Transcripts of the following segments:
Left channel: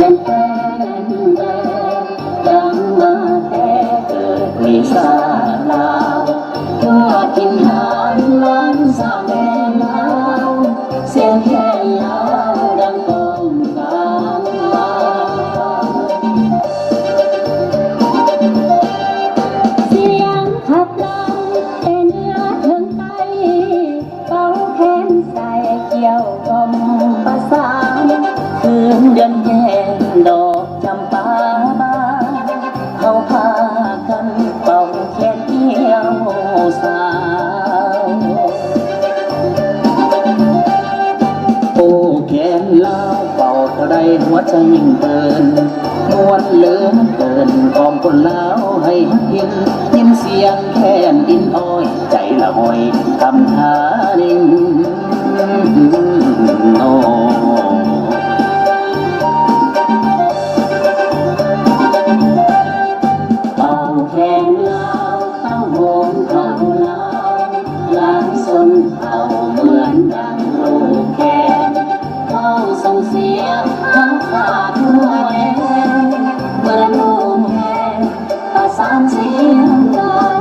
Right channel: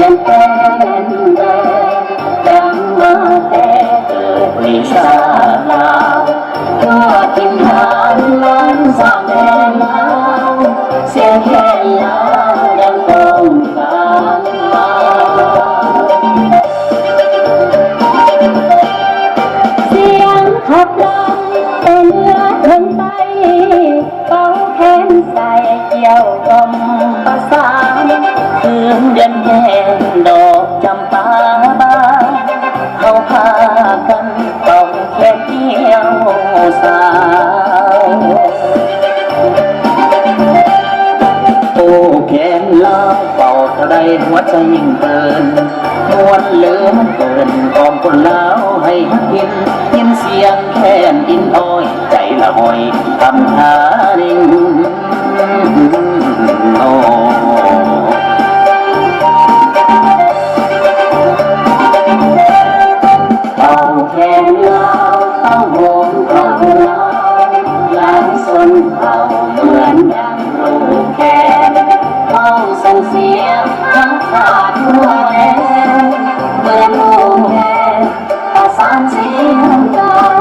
ยังเป็นแรงยังมาแต่เกิดในชาลาวทั่วถิ่นฐานนั้นสร้างแดนลาวเสียงแค่ยาวยังคงดังมาเสียงขับดังแต่เนื้อเทินไปเป่าแขนใส่เกี่ยวกลมประสานคืนเดือนแห่งดอกจำปาบานเขาพากันเป่าแขนเกี่ยวสาวโอ้แขนลาวเป่าเท่าใดหัวใจยิ่งเปินมวนเหลือเกินกองคนลาวให้หักยินเสียงแค้นอินอ้อยใจละหอยทำหาดิ่งโอ้เป่าแขนลาวเป่าโหมของลาวลายสนเป่าเหมือนดังลูกแขนเป่าส่งเสียงทั้งขาดทั่วแดนเหมือนลูกแขนประสานเสียงดัง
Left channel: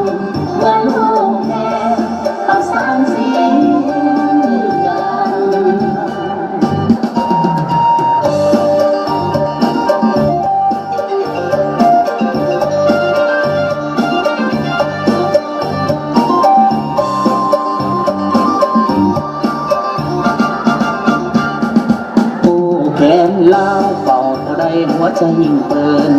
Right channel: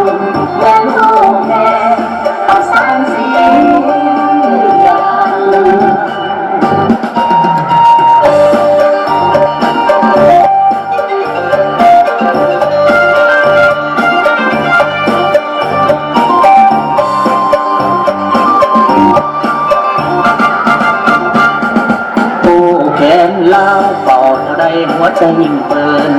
เหมือนลูกแขนประสานเสียงดังแขนลาวเป่าเท่าใดหัวใจยิ่งเปิน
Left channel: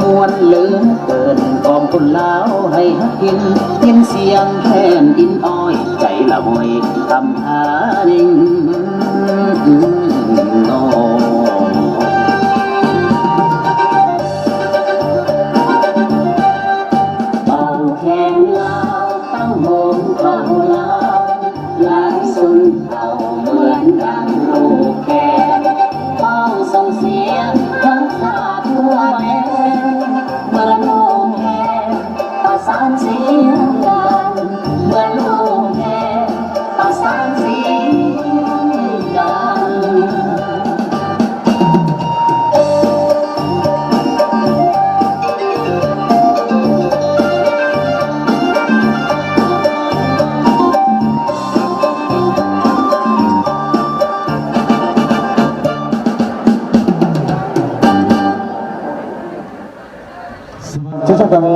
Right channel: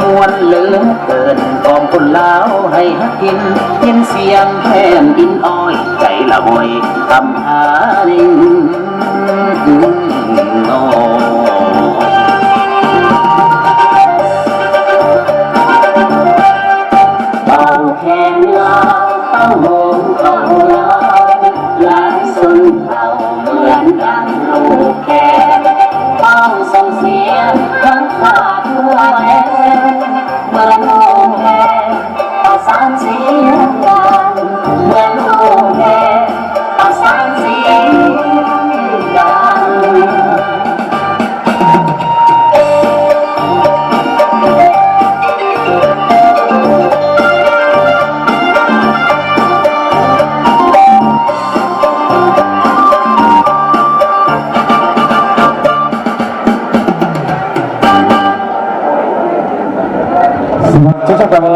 มวนเหลือเกินกองคนลาวให้หักยินเสียงแค้นอินอ้อยใจละหอยทำหาดิ่งโอ้เป่าแขนลาวเป่าโหมของลาวลายสนเป่าเหมือนดังลูกแขนส่งเสียงทั้งขาดทั่วแดนเหมือนลูกแก่ประสานเสียงดังเหมือนลูกแก่ประสานเสียงดังCocok